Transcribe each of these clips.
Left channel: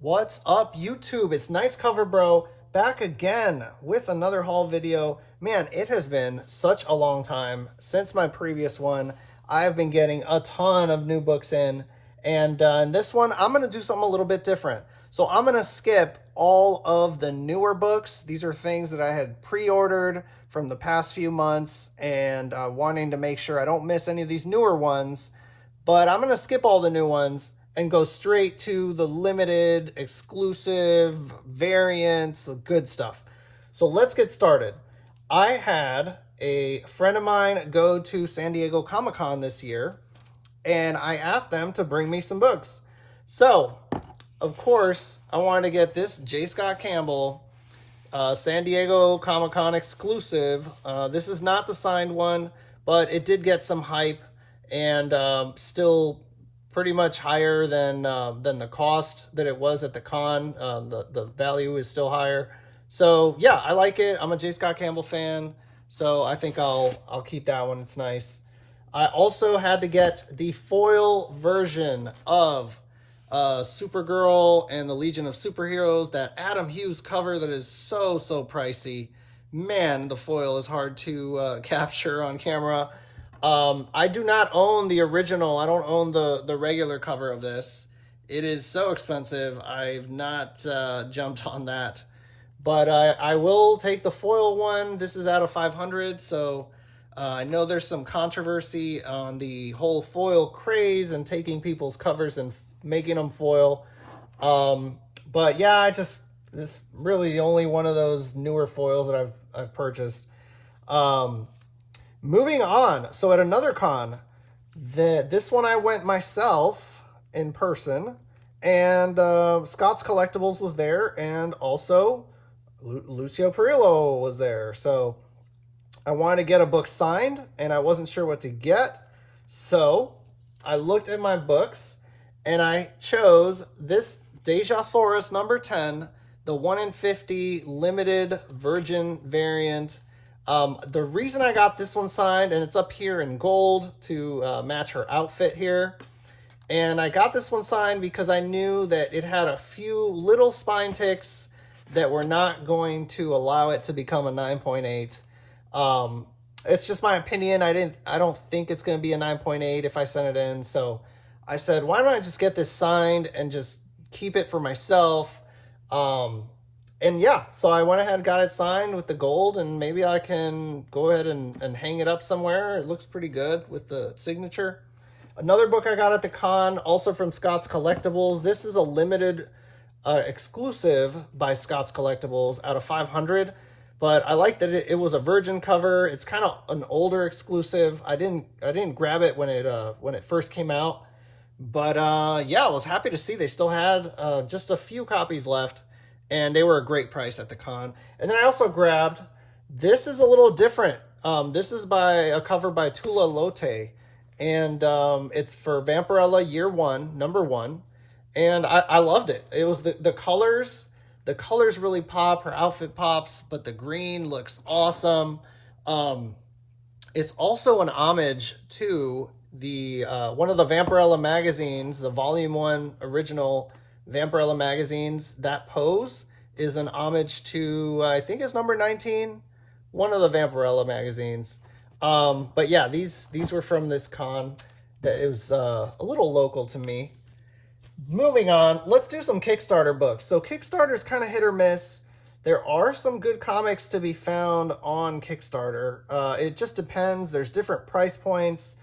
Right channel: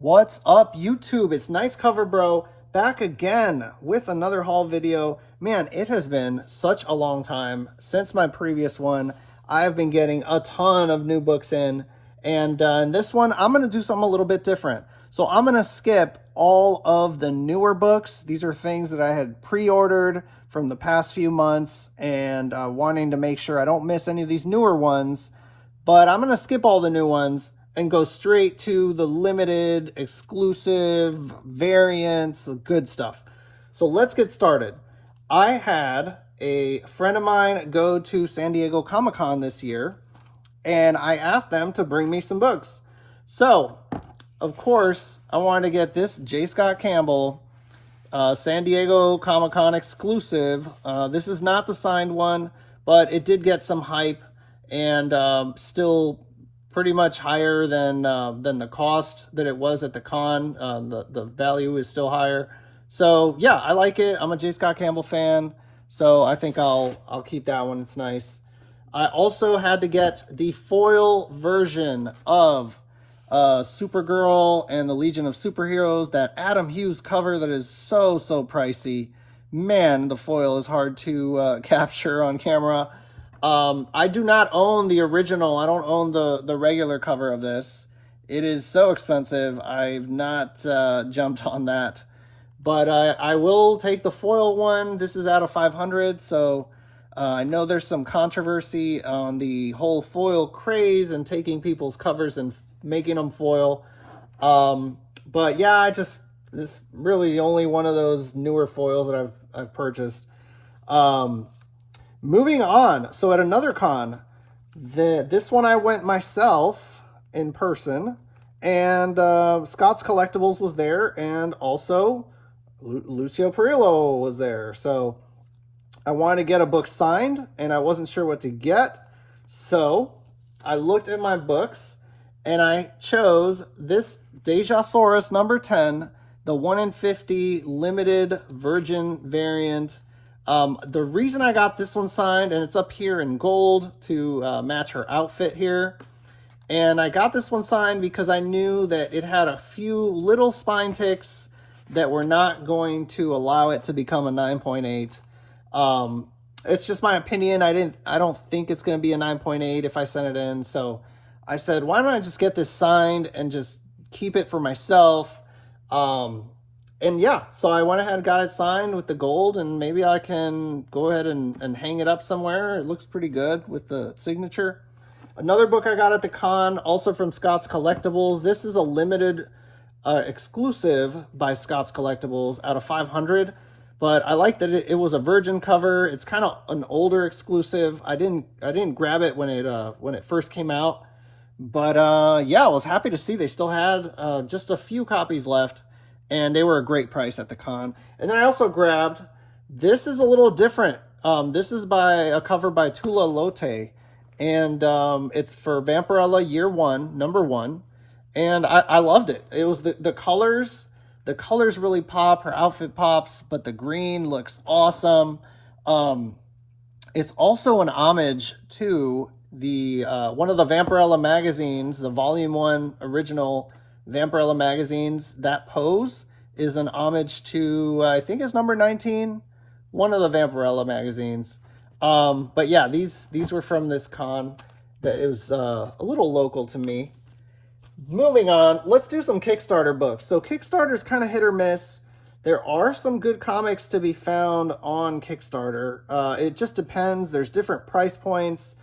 What's up, YouTube? It's Nice Cover Bro back again with another haul video. Man, it has been such a long time since my previous one. I've been getting a ton of new books in, and in this one, I'm going to do something a little bit different. So I'm going to skip all of the newer books. These are things that I had pre-ordered from the past few months and wanting to make sure I don't miss any of these newer ones. But I'm going to skip all the new ones and go straight to the limited, exclusive, variants, the good stuff. So let's get started. I had a friend of mine go to San Diego Comic-Con this year, and I asked them to bring me some books. So, of course, I wanted to get this J. Scott Campbell San Diego Comic-Con exclusive. This is not the signed one, but it did get some hype and still pretty much higher than the cost that it was at the con. The value is still higher. So yeah, I like it. I'm a J. Scott Campbell fan, so I think I'll keep that one. It's nice. I also had to get the foil version of Supergirl and the Legion of Superheroes, that Adam Hughes cover that is so pricey. Man, the foil is hard to capture on camera. I do not own the original. I don't own the regular cover of this. It is so expensive. I've not jumped on that. But I will take the foil one. This is out of 500, so I know there's some controversy on the whole foil craze and taking people's covers and making them foil. But yeah, this is really the only one of those newer foils that I've purchased. Moving on, so at another con, this one I went myself in person, and Scott's Collectibles was there, and also Lucio Parrillo was there. So I wanted to get a book signed, and I wasn't sure what to get. So I looked at my books, and I chose this Deja Thoris number 10, the 1 in 50 limited virgin variant. The reason I got this one signed, and it's up here in gold to match her outfit here, and I got this one signed because I knew that it had a few little spine ticks that were not going to allow it to become a 9.8. It's just my opinion. I don't think it's going to be a 9.8 if I send it in. So I said, why don't I just get this signed and just keep it for myself? And yeah, so I went ahead and got it signed with the gold, and maybe I can go ahead and hang it up somewhere. It looks pretty good with the signature. Another book I got at the con, also from Scott's Collectibles. This is a limited exclusive by Scott's Collectibles out of 500. But I like that it was a virgin cover. It's kind of an older exclusive. I didn't grab it when it first came out. But yeah, I was happy to see they still had just a few copies left. And they were a great price at the con. And then I also grabbed, this is a little different. This is by a cover by Tula Lote. And it's for Vampirella Year 1, number 1. And I loved it. It was the colors. The colors really pop. Her outfit pops. But the green looks awesome. It's also an homage to the one of the Vampirella magazines, the Volume 1 original Vampirella magazines. That pose is an homage to, I think it's number 19, one of the Vampirella magazines. But yeah, these were from this con. That it was a little local to me. Moving on, let's do some Kickstarter books. So Kickstarter's kind of hit or miss. There are some good comics to be found on Kickstarter. It just depends. There's different price points,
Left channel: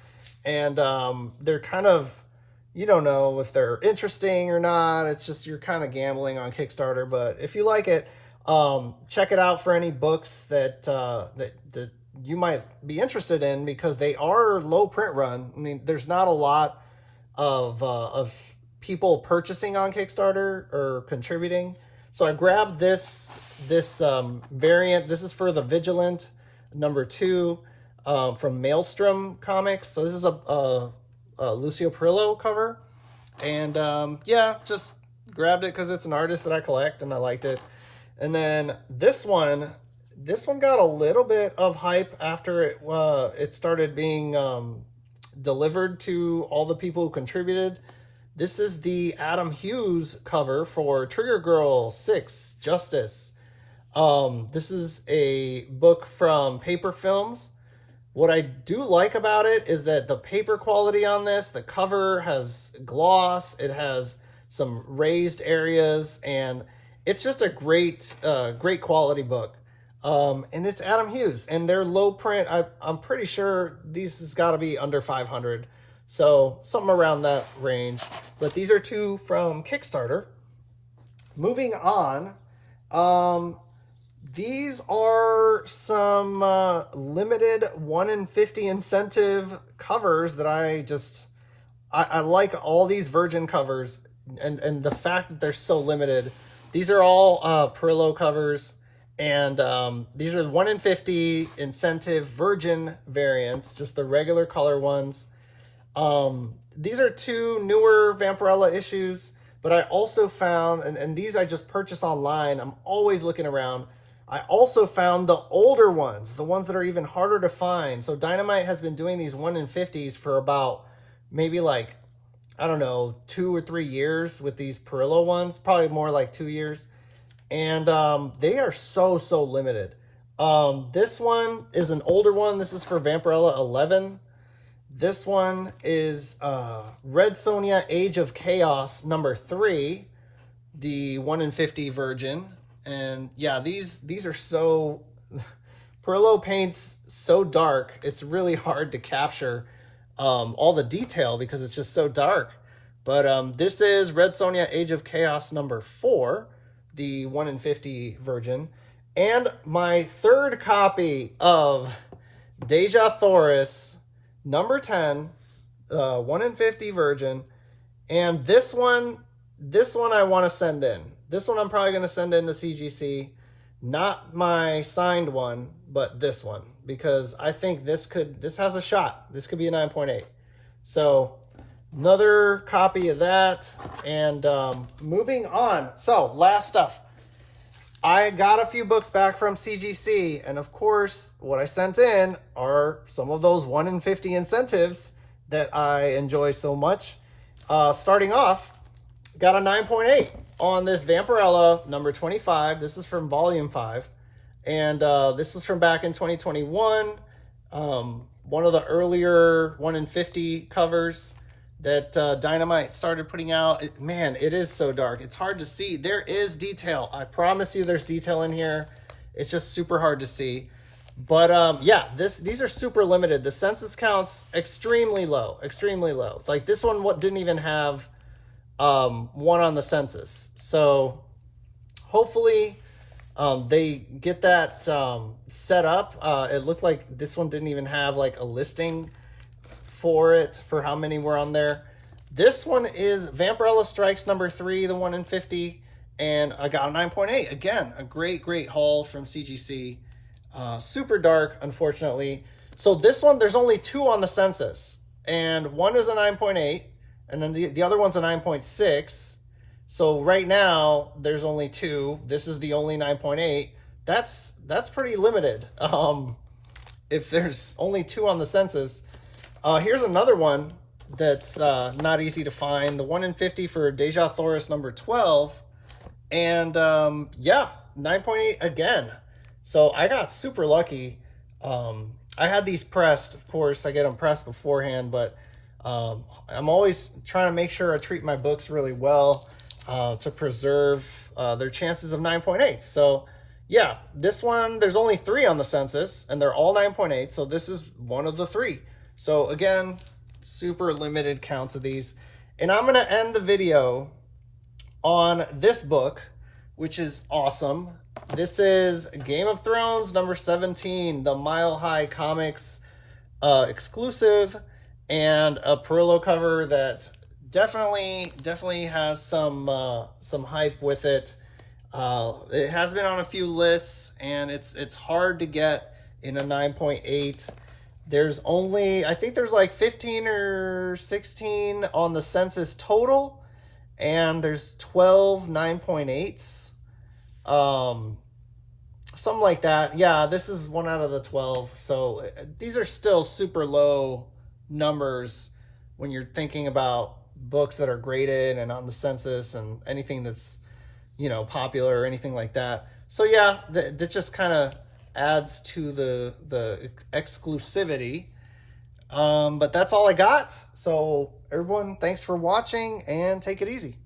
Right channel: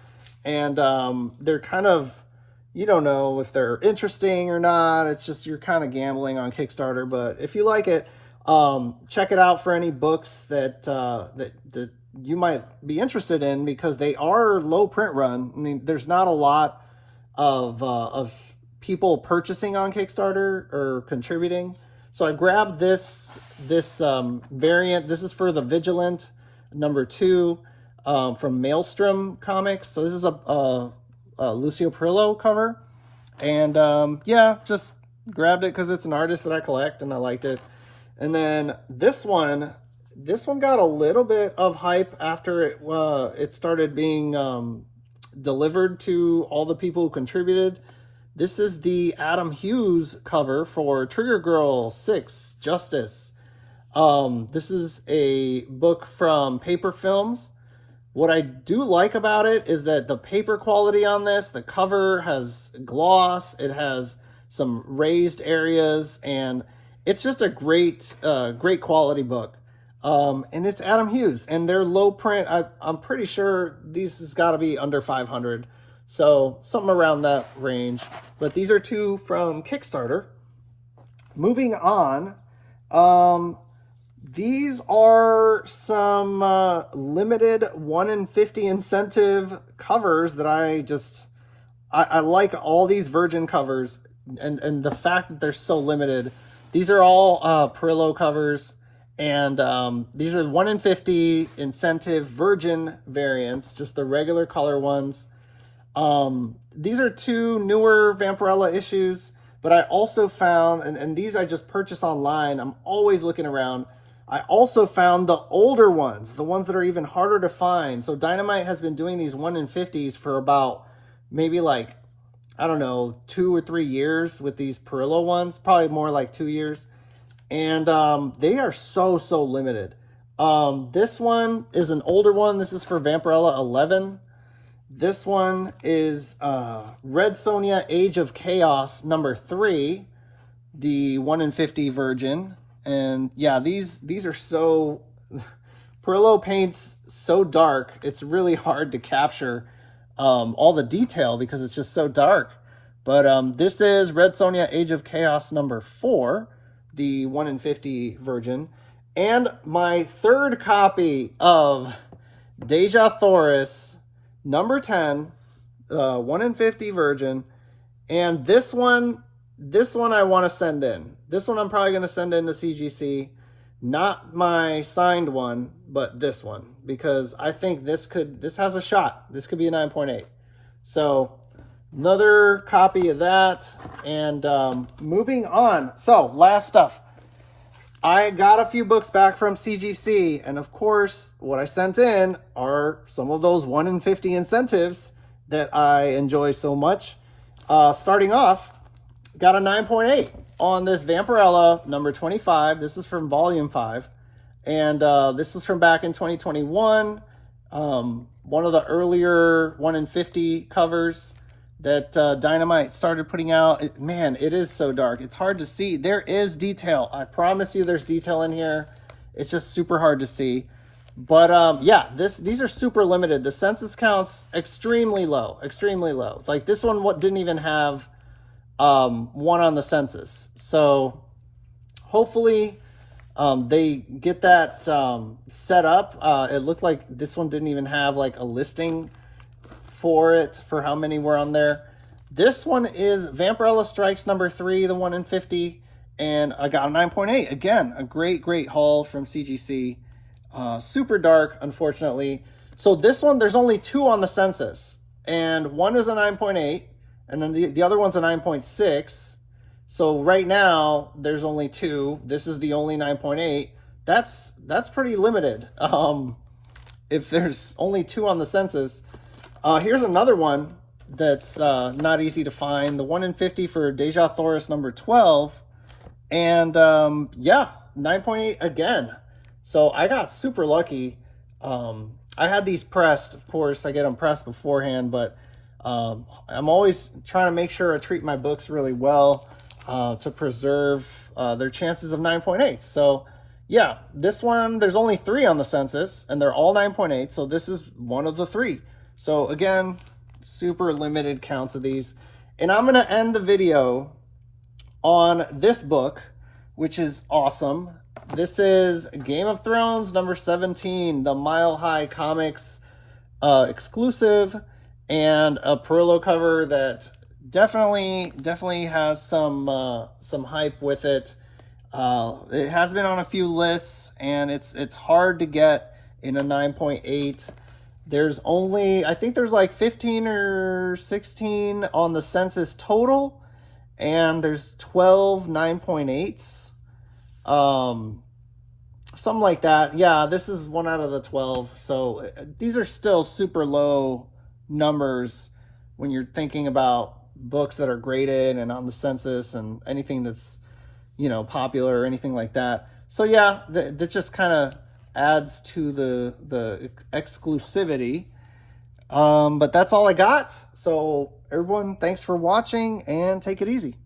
and they're kind of, you don't know if they're interesting or not. It's just, you're kind of gambling on Kickstarter. But if you like it, check it out for any books that that you might be interested in, because they are low print run. I mean, there's not a lot of people purchasing on Kickstarter or contributing. So I grabbed this variant. This is for the Vigilant number 2 from Maelstrom Comics. So this is a Lucio Parrillo cover, and yeah, just grabbed it because it's an artist that I collect and I liked it. And then this one got a little bit of hype after it started being delivered to all the people who contributed, This is the Adam Hughes cover for Trigger Girl 6 Justice. This is a book from Paper Films. What I do like about it is that the paper quality on this, the cover has gloss, it has some raised areas, and it's just a great quality book. And it's Adam Hughes, and they're low print. I'm pretty sure these has got to be under 500. So something around that range. But these are two from Kickstarter. Moving on, these are some limited 1 in 50 incentive covers that I like all these Virgin covers, and the fact that they're so limited. These are all Parrillo covers, and these are the 1 in 50 incentive Virgin variants, just the regular color ones. These are two newer Vampirella issues, but I also found, and these I just purchased online, I'm always looking around, I also found the older ones, the ones that are even harder to find. So Dynamite has been doing these 1 in 50s for about maybe like, I don't know, 2 or 3 years with these Parrillo ones, probably more like 2 years. And they are so limited. This one is an older one. This is for Vampirella 11. This one is Red Sonja Age of Chaos number 3, the 1 in 50 Virgin. And yeah, these are so, Parrillo paints so dark, it's really hard to capture all the detail because it's just so dark. But this is Red Sonja Age of Chaos number 4, the 1 in 50 Virgin. And my third copy of Deja Thoris number 10, 1 in 50 Virgin. And this one I want to send in. This one I'm probably going to send in to CGC. Not my signed one, but this one. Because I think this has a shot. This could be a 9.8. So, another copy of that. And moving on. So, last stuff. I got a few books back from CGC, and of course, what I sent in are some of those 1 in 50 incentives that I enjoy so much. Starting off, got a 9.8 on this Vampirella number 25. This is from volume 5, and this is from back in 2021. One of the earlier 1 in 50 covers that Dynamite started putting out. Man, it is so dark. It's hard to see. There is detail. I promise you there's detail in here. It's just super hard to see. But yeah, these are super limited. The census count's extremely low. Extremely low. Like this one didn't even have one on the census. So hopefully they get that set up. It looked like this one didn't even have like a listing for it, for how many were on there. This one is Vampirella Strikes number 3, the 1 in 50, and I got a 9.8. Again, a great haul from CGC. Super dark, unfortunately. So this one, there's only 2 on the census, and one is a 9.8, and then the other one's a 9.6. So right now, there's only 2. This is the only 9.8. That's pretty limited. If there's only 2 on the census. Here's another one that's not easy to find. The 1 in 50 for Deja Thoris number 12. And yeah, 9.8 again. So I got super lucky. I had these pressed, of course. I get them pressed beforehand, but I'm always trying to make sure I treat my books really well to preserve their chances of 9.8. So yeah, this one, there's only 3 on the census, and they're all 9.8. So this is one of the 3. So again, super limited counts of these. And I'm going to end the video on this book, which is awesome. This is Game of Thrones number 17, the Mile High Comics exclusive, and a Parrillo cover that definitely has some hype with it. It has been on a few lists, and it's hard to get in a 9.8. There's only, I think there's like 15 or 16 on the census total, and there's 12 9.8s. Something like that. Yeah, this is 1 out of the 12. So these are still super low numbers when you're thinking about books that are graded and on the census and anything that's, you know, popular or anything like that. So yeah, that just kind of adds to the exclusivity. But that's all I got. So everyone, thanks for watching and take it easy.